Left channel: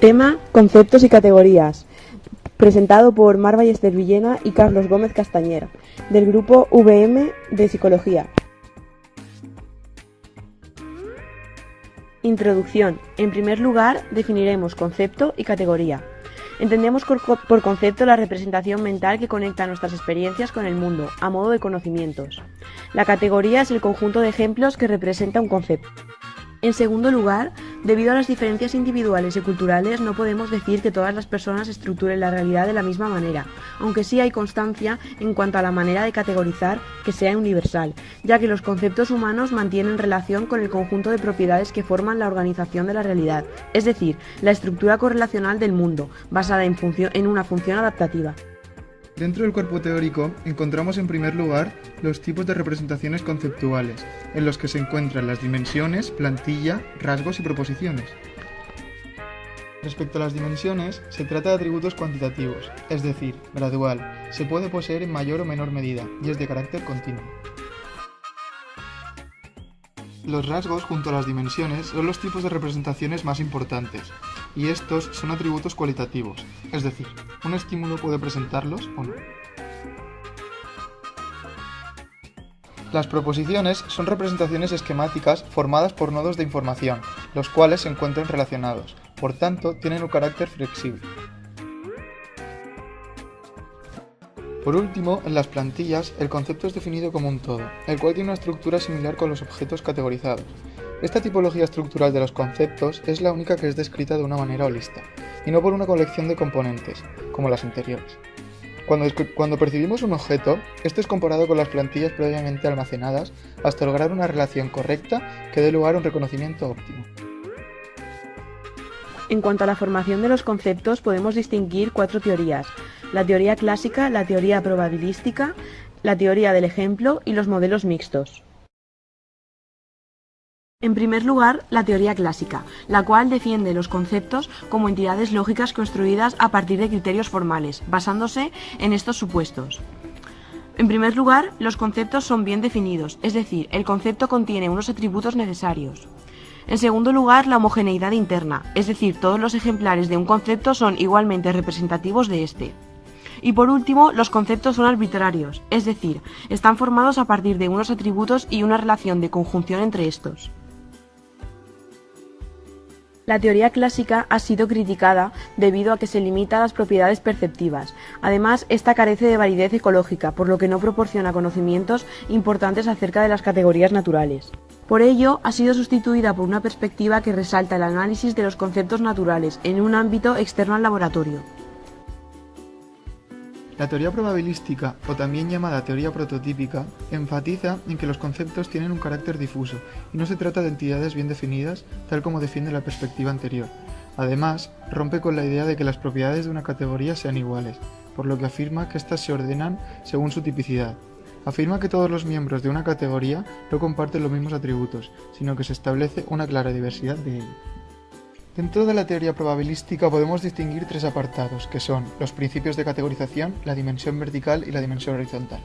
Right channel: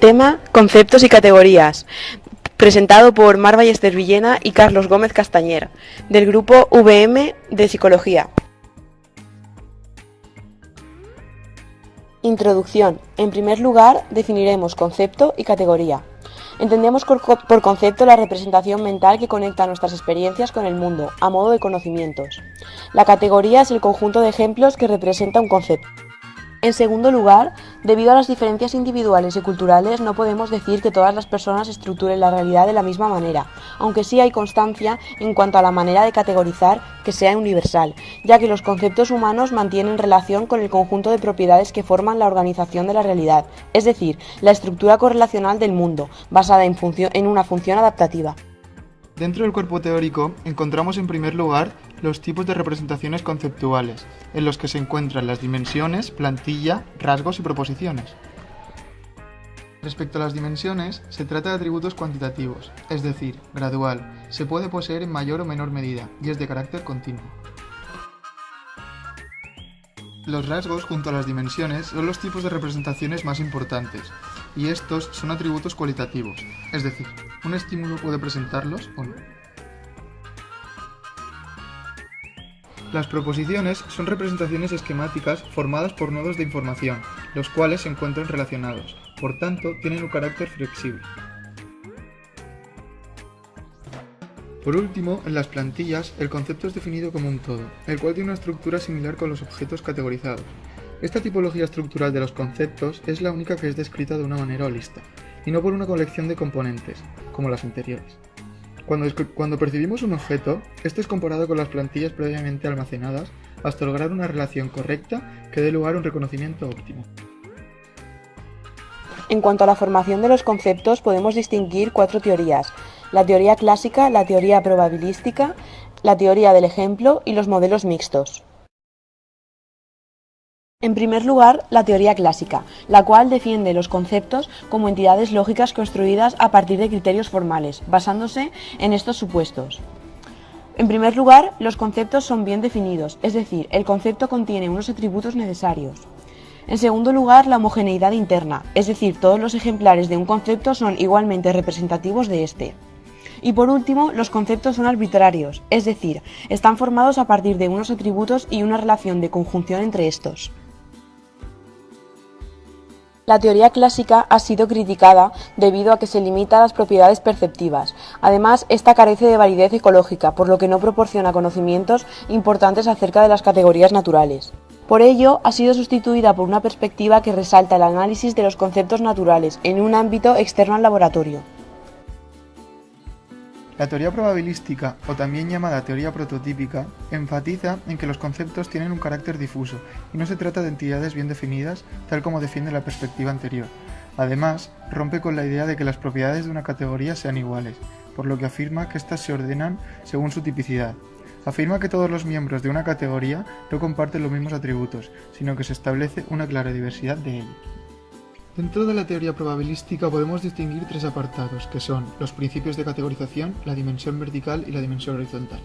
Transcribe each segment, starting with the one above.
Tema: conceptos y categorías. Presentado por Mar Ballester Villena y Carlos Gómez Castañer, del grupo VM de Psicología. Introducción. En primer lugar, definiremos concepto y categoría. Entendemos por concepto la representación mental que conecta nuestras experiencias con el mundo, a modo de conocimientos. La categoría es el conjunto de ejemplos que representa un concepto. En segundo lugar, debido a las diferencias individuales y culturales, no podemos decir que todas las personas estructuren la realidad de la misma manera, aunque sí hay constancia en cuanto a la manera de categorizar que sea universal, ya que los conceptos humanos mantienen relación con el conjunto de propiedades que forman la organización de la realidad, es decir, la estructura correlacional del mundo, basada en una función adaptativa. Dentro del cuerpo teórico encontramos en primer lugar los tipos de representaciones conceptuales, en los que se encuentran las dimensiones, plantilla, rasgos y proposiciones. Respecto a las dimensiones, se trata de atributos cuantitativos, es decir, gradual, se puede poseer en mayor o menor medida y es de carácter continuo. Los rasgos junto a las dimensiones son los tipos de representaciones más importantes, y estos son atributos cualitativos, es decir, un estímulo puede presentarlos o no. Las proposiciones son representaciones esquemáticas formadas por nodos de información, los cuales se encuentran relacionados, por tanto tienen un carácter flexible. Por último, en las plantillas, el concepto es definido como un todo, el cual tiene una estructura similar con los objetos categorizados. Esta tipología estructural de los conceptos es la única que es descrita de una manera holista, y no por una colección de componentes, como las anteriores. Cuando percibimos un objeto, este es comparado con las plantillas previamente almacenadas hasta lograr una relación correcta que dé lugar a un reconocimiento óptimo. En cuanto a la formación de los conceptos, podemos distinguir 4 teorías: la teoría clásica, la teoría probabilística, la teoría del ejemplo y los modelos mixtos. En primer lugar, la teoría clásica, la cual defiende los conceptos como entidades lógicas construidas a partir de criterios formales, basándose en estos supuestos. En primer lugar, los conceptos son bien definidos, es decir, el concepto contiene unos atributos necesarios. En segundo lugar, la homogeneidad interna, es decir, todos los ejemplares de un concepto son igualmente representativos de este. Y por último, los conceptos son arbitrarios, es decir, están formados a partir de unos atributos y una relación de conjunción entre estos. La teoría clásica ha sido criticada debido a que se limita a las propiedades perceptivas. Además, esta carece de validez ecológica, por lo que no proporciona conocimientos importantes acerca de las categorías naturales. Por ello, ha sido sustituida por una perspectiva que resalta el análisis de los conceptos naturales en un ámbito externo al laboratorio. La teoría probabilística, o también llamada teoría prototípica, enfatiza en que los conceptos tienen un carácter difuso y no se trata de entidades bien definidas, tal como defiende la perspectiva anterior. Además, rompe con la idea de que las propiedades de una categoría sean iguales, por lo que afirma que éstas se ordenan según su tipicidad. Afirma que todos los miembros de una categoría no comparten los mismos atributos, sino que se establece una clara diversidad de ellos. Dentro de la teoría probabilística podemos distinguir 3 apartados, que son los principios de categorización, la dimensión vertical y la dimensión horizontal.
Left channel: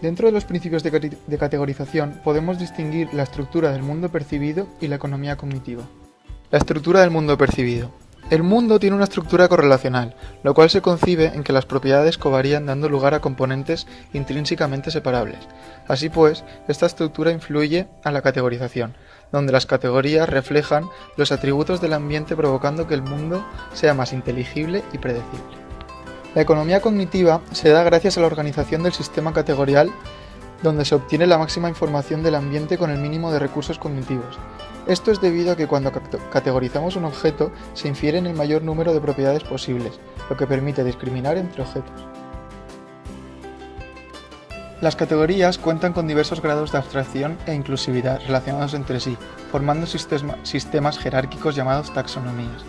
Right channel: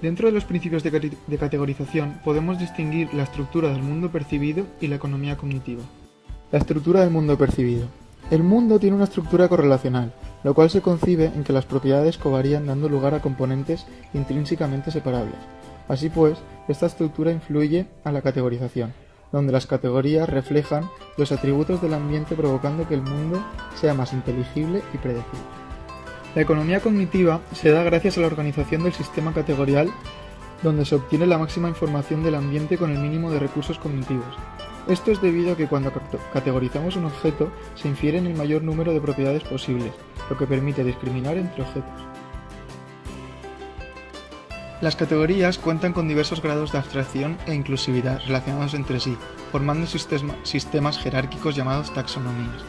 Dentro de los principios de categorización podemos distinguir la estructura del mundo percibido y la economía cognitiva. La estructura del mundo percibido. El mundo tiene una estructura correlacional, lo cual se concibe en que las propiedades covarían dando lugar a componentes intrínsecamente separables. Así pues, esta estructura influye a la categorización, donde las categorías reflejan los atributos del ambiente provocando que el mundo sea más inteligible y predecible. La economía cognitiva se da gracias a la organización del sistema categorial, donde se obtiene la máxima información del ambiente con el mínimo de recursos cognitivos. Esto es debido a que cuando categorizamos un objeto se infieren el mayor número de propiedades posibles, lo que permite discriminar entre objetos. Las categorías cuentan con diversos grados de abstracción e inclusividad relacionados entre sí, formando sistemas jerárquicos llamados taxonomías.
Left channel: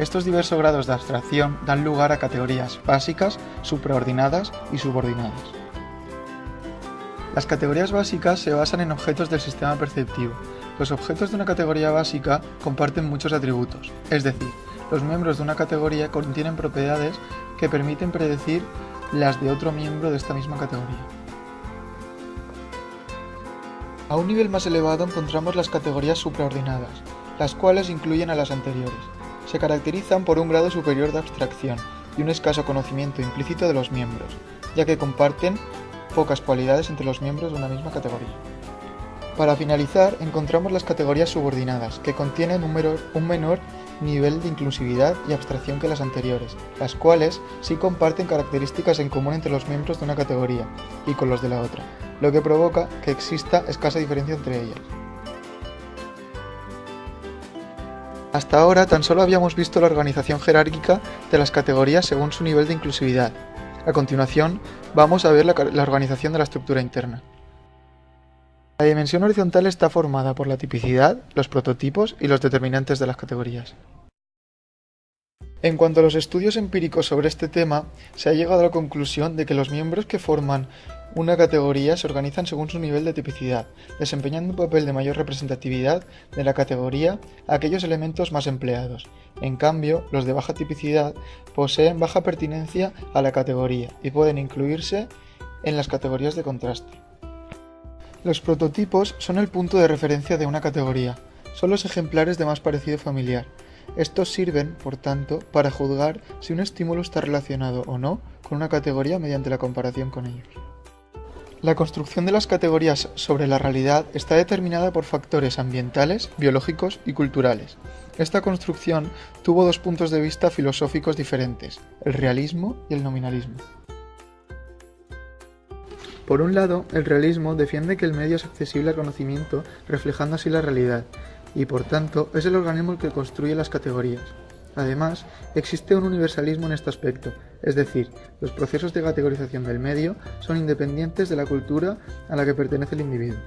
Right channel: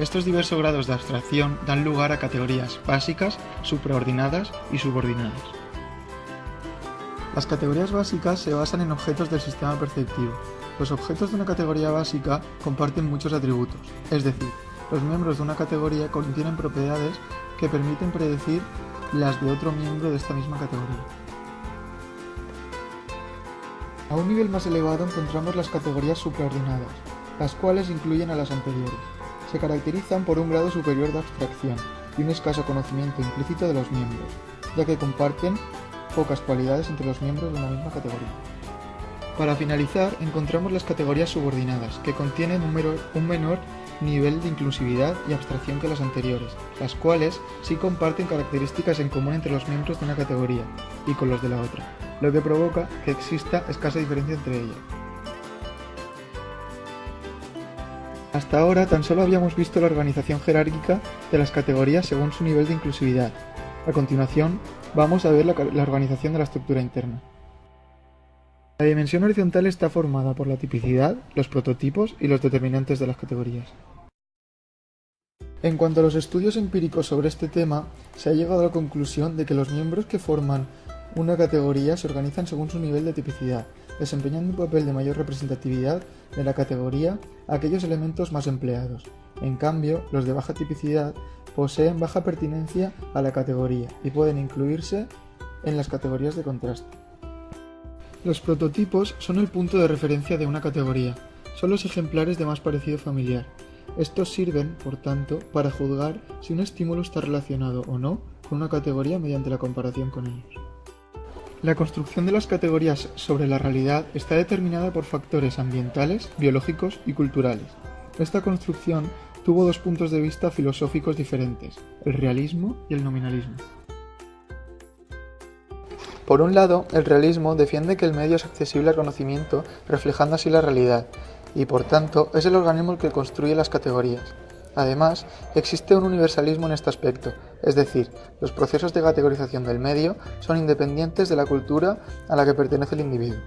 Estos diversos grados de abstracción dan lugar a categorías básicas, supraordinadas y subordinadas. Las categorías básicas se basan en objetos del sistema perceptivo. Los objetos de una categoría básica comparten muchos atributos, es decir, los miembros de una categoría contienen propiedades que permiten predecir las de otro miembro de esta misma categoría. A un nivel más elevado encontramos las categorías supraordenadas, las cuales incluyen a las anteriores. se caracterizan por un grado superior de abstracción y un escaso conocimiento implícito de los miembros, ya que comparten pocas cualidades entre los miembros de una misma categoría. Para finalizar, encontramos las categorías subordinadas, que contienen un menor nivel de inclusividad y abstracción que las anteriores, las cuales sí comparten características en común entre los miembros de una categoría y con los de la otra, lo que provoca que exista escasa diferencia entre ellas. Hasta ahora tan solo habíamos visto la organización jerárquica de las categorías según su nivel de inclusividad. A continuación, vamos a ver la organización de la estructura interna. La dimensión horizontal está formada por la tipicidad, los prototipos y los determinantes de las categorías. En cuanto a los estudios empíricos sobre este tema, se ha llegado a la conclusión de que los miembros que forman una categoría se organizan según su nivel de tipicidad, desempeñando un papel de mayor representatividad de la categoría a aquellos elementos más empleados. En cambio, los de baja tipicidad poseen baja pertinencia a la categoría y pueden incluirse en las categorías de contraste. Los prototipos son el punto de referencia de una categoría, son los ejemplares de más parecido familiar. Estos sirven, por tanto, para juzgar si un estímulo está relacionado o no con una categoría mediante la comparación con ellos. La construcción de las categorías sobre la realidad está determinada por factores ambientales, biológicos y culturales. Esta construcción tuvo dos puntos de vista filosóficos diferentes, el realismo y el nominalismo. Por un lado, el realismo defiende que el medio es accesible al conocimiento, reflejando así la realidad, y por tanto es el organismo el que construye las categorías. Además, existe un universalismo en este aspecto, es decir, los procesos de categorización del medio son independientes de la cultura a la que pertenece el individuo.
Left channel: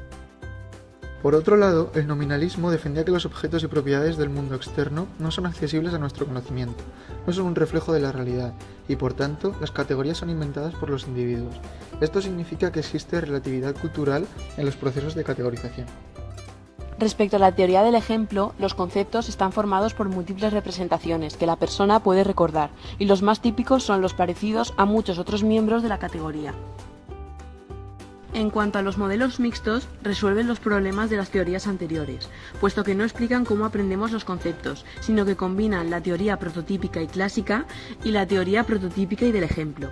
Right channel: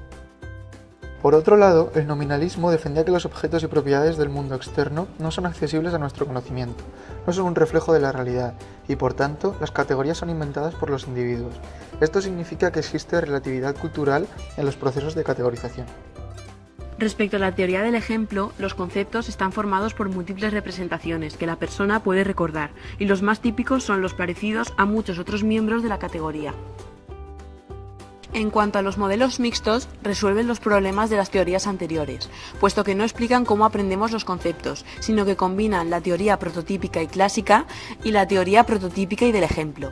Por otro lado, el nominalismo defendía que los objetos y propiedades del mundo externo no son accesibles a nuestro conocimiento, no son un reflejo de la realidad, y por tanto, las categorías son inventadas por los individuos. Esto significa que existe relatividad cultural en los procesos de categorización. Respecto a la teoría del ejemplo, los conceptos están formados por múltiples representaciones que la persona puede recordar, y los más típicos son los parecidos a muchos otros miembros de la categoría. En cuanto a los modelos mixtos, resuelven los problemas de las teorías anteriores, puesto que no explican cómo aprendemos los conceptos, sino que combinan la teoría prototípica y clásica y la teoría prototípica y del ejemplo.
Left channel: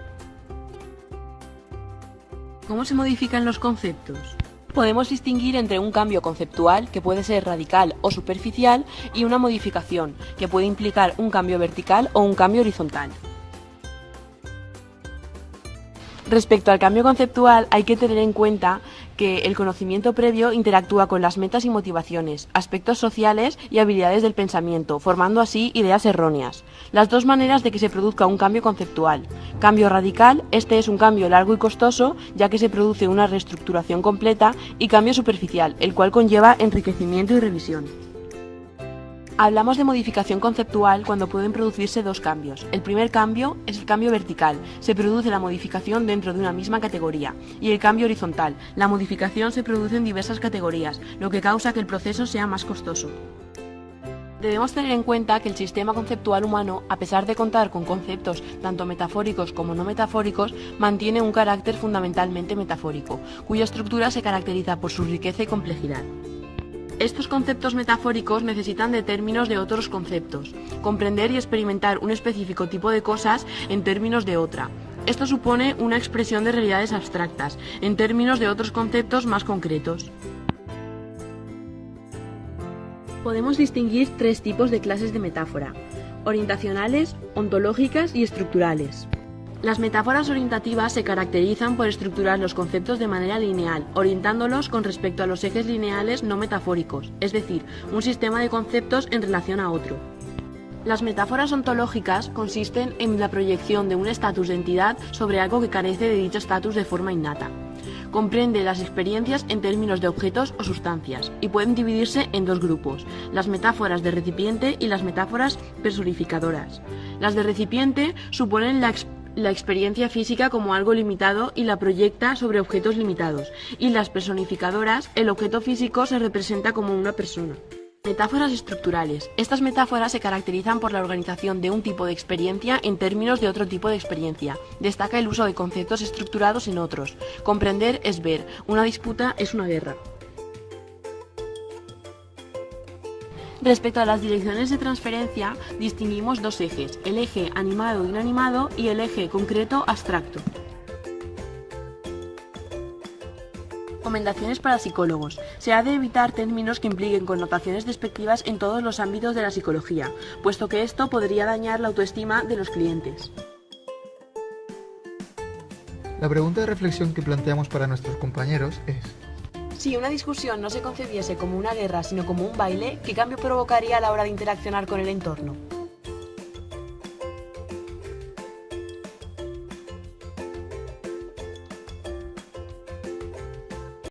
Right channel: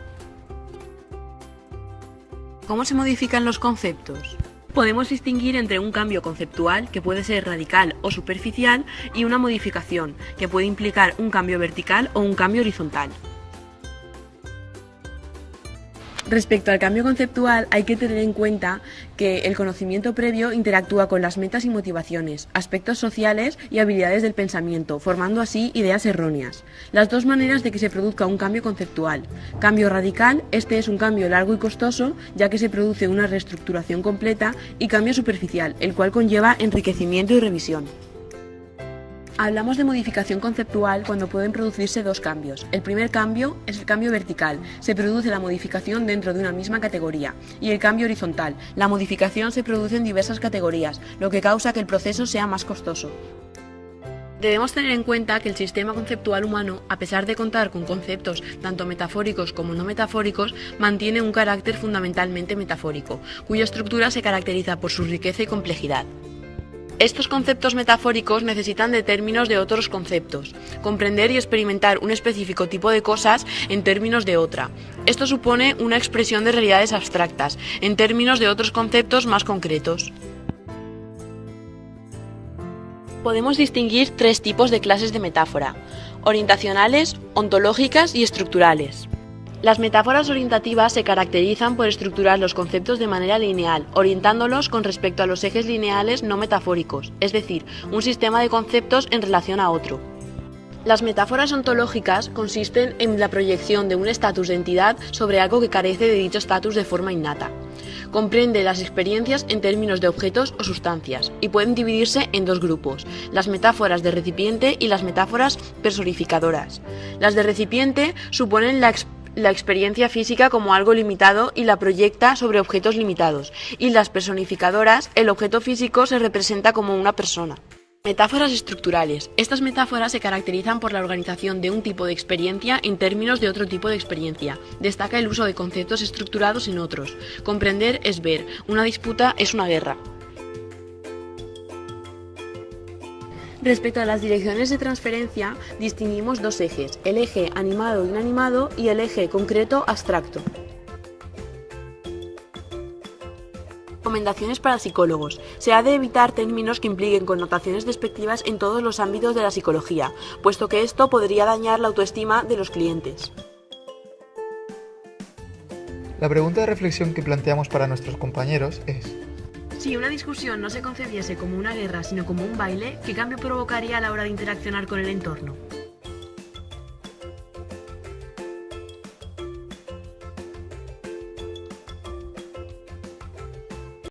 ¿Cómo se modifican los conceptos? Podemos distinguir entre un cambio conceptual, que puede ser radical o superficial, y una modificación, que puede implicar un cambio vertical o un cambio horizontal. Respecto al cambio conceptual, hay que tener en cuenta que el conocimiento previo interactúa con las metas y motivaciones, aspectos sociales y habilidades del pensamiento, formando así ideas erróneas. Las dos maneras de que se produzca un cambio conceptual. Cambio radical, este es un cambio largo y costoso, ya que se produce una reestructuración completa, y cambio superficial, el cual conlleva enriquecimiento y revisión. Hablamos de modificación conceptual cuando pueden producirse dos cambios. El primer cambio es el cambio vertical, se produce la modificación dentro de una misma categoría, y el cambio horizontal, la modificación se produce en diversas categorías, lo que causa que el proceso sea más costoso. Debemos tener en cuenta que el sistema conceptual humano, a pesar de contar con conceptos tanto metafóricos como no metafóricos, mantiene un carácter fundamentalmente metafórico, cuya estructura se caracteriza por su riqueza y complejidad. Estos conceptos metafóricos necesitan de términos de otros conceptos, comprender y experimentar un específico tipo de cosas en términos de otra. Esto supone una expresión de realidades abstractas, en términos de otros conceptos más concretos. Podemos distinguir tres tipos de clases de metáfora: orientacionales, ontológicas y estructurales. Las metáforas orientativas se caracterizan por estructurar los conceptos de manera lineal, orientándolos con respecto a los ejes lineales no metafóricos, es decir, un sistema de conceptos en relación a otro. Las metáforas ontológicas consisten en la proyección de un estatus de entidad sobre algo que carece de dicho estatus de forma innata. Comprende las experiencias en términos de objetos o sustancias, y pueden dividirse en dos grupos: las metáforas de recipiente y las metáforas personificadoras. Las de recipiente suponen la experiencia física como algo limitado y la proyecta sobre objetos limitados, y las personificadoras, el objeto físico se representa como una persona. Metáforas estructurales. Estas metáforas se caracterizan por la organización de un tipo de experiencia en términos de otro tipo de experiencia. Destaca el uso de conceptos estructurados en otros. Comprender es ver, una disputa es una guerra. Respecto a las direcciones de transferencia, distinguimos dos ejes, el eje animado-inanimado y el eje concreto-abstracto. Recomendaciones para psicólogos. Se ha de evitar términos que impliquen connotaciones despectivas en todos los ámbitos de la psicología, puesto que esto podría dañar la autoestima de los clientes. La pregunta de reflexión que planteamos para nuestros compañeros es: si una discusión no se concebiese como una guerra, sino como un baile, ¿qué cambio provocaría a la hora de interaccionar con el entorno?